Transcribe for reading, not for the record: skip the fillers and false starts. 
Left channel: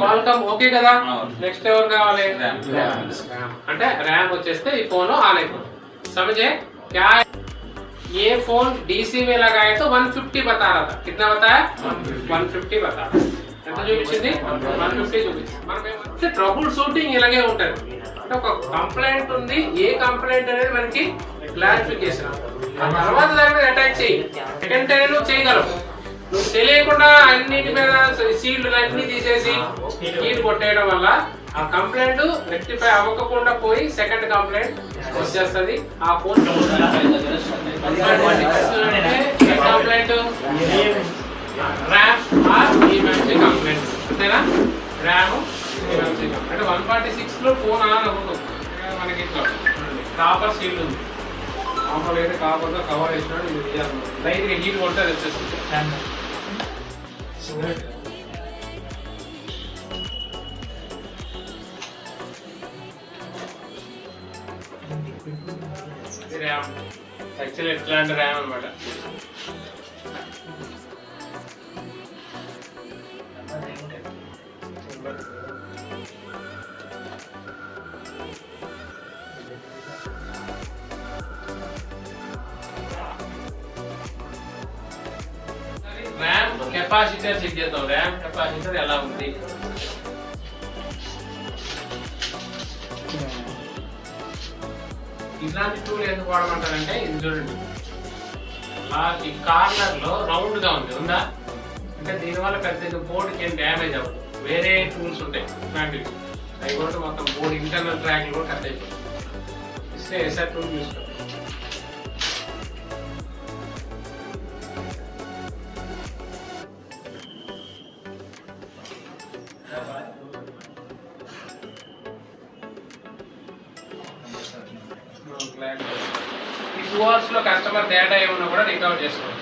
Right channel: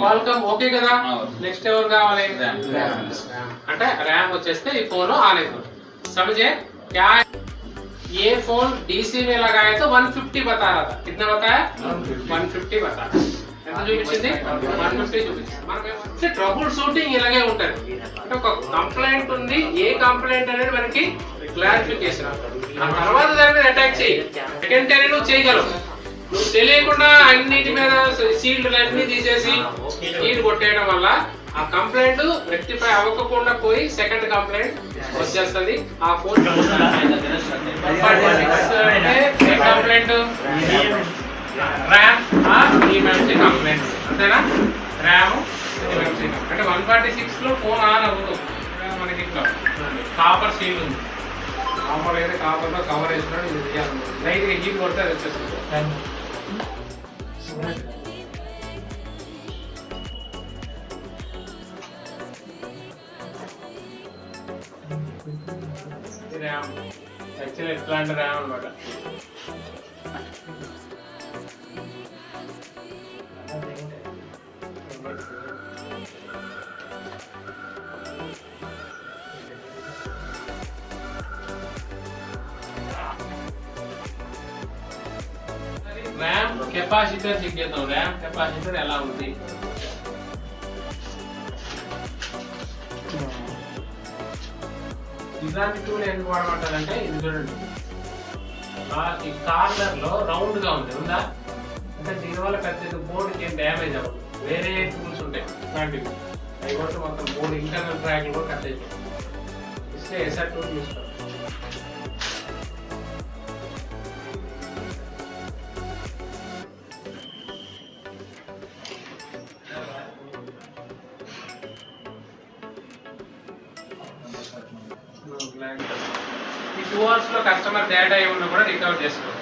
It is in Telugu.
క్వాల్కమ్ ఓకే కదా. నెక్స్ట్ ఎవరు కావాలి అంటే ర్యామ్ వచ్చేస్తే ఈ फोन आने को समझे क्या है? ये फोन डीसी में लगाए तो 150 बता रहा था. कितना बताया? 150 बता. ఎంత చూపించింది? 150 చూపించింది. మనం ట్రబుల్ షూటింగ్ ఇలాగే ఉంటది. అంటే ఒక కంప్లైంట్ ఉంది, ఏ కంప్లైంట్ అనేది మనకి క్లారిఫికేషన్. ఆ తర్వాత దాని మీద అటాక్ చేయి. సెకండ్ టైం నువ్వు చేయగలవు. నువ్వు తెలియకుండా అన్నిటి మీద సీల్డ్ అన్ని తీసేసి కీలు కొట్టేయడం వల్ల ఆ కంప్లైంట్ రెక్టిఫై అవ్వకుండా పోయి సెకండ్ కంప్లైంట్ వచ్చేస్తుంది. ఆ phone complaint RAM or EMMC complaint అంతేనా. ర్యామ్ అంటే 146 లో ఫోన్ ఆన్ అవుతుంది. మనకి ఇట్లా కాపర్ సీల్డ్ ఉంది. కాపర్ అయితే కాపర్ లో కవర్ వేసుకుని రైతు హీట్ కొడితే అది వచ్చేస్తుంది. ర్యామ్ యాక్చువల్లీ ఎట్లాంటి ర్యామ్ అనమాట. ర్యామ్ కెపాసిటర్ చెక్ చేద్దాం. ర్యామ్ కెపాసిటర్ ఎలా ఉంది? ఇలాంటి టూల్ ఎందుకు వాడమంటారంటే ఇది చూడండి, ఈ కార్నర్ లో రౌండ్ గా ఉందా అంటే దీనివల్ల పెద్దగా బోర్డుకి ఏం డ్యామేజ్ అవ్వదు. వేరే టూల్స్ ఉంటాయి ఇలాంటివి, అవి కూడా మొత్తం బోర్డు ఇంటర్నల్ ట్రాక్ కూడా కట్ అయిపోతుంది. ఇస్తే ఎస్ఆర్ టూల్ తీసుకోవాలి. ఈ 2 అవర్స్ లో కస్టమర్ డేటా ఏమన్నా కూడా రికవర్ చేసుకోవచ్చు.